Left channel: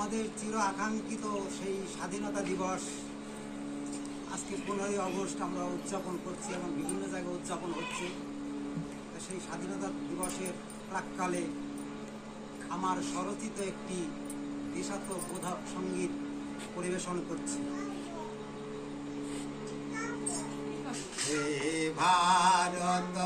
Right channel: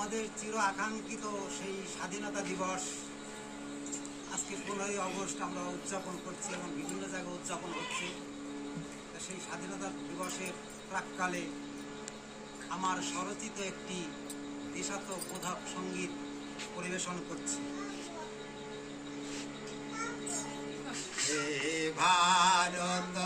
আমাদের চির আকাঙ্ক্ষিত সেই স্বাধীনতা দিবস আজকে 15ই আগস্ট আমরা উদযাপন করছি এবং বিভিন্ন জায়গায় উদযাপন হচ্ছে। সেই স্বাধীনতা দিবসের প্রাক্কালে আমার স্বরচিত একটি দেশাত্মবোধক সঙ্গীত পরিবেশন করছি। হে ভারত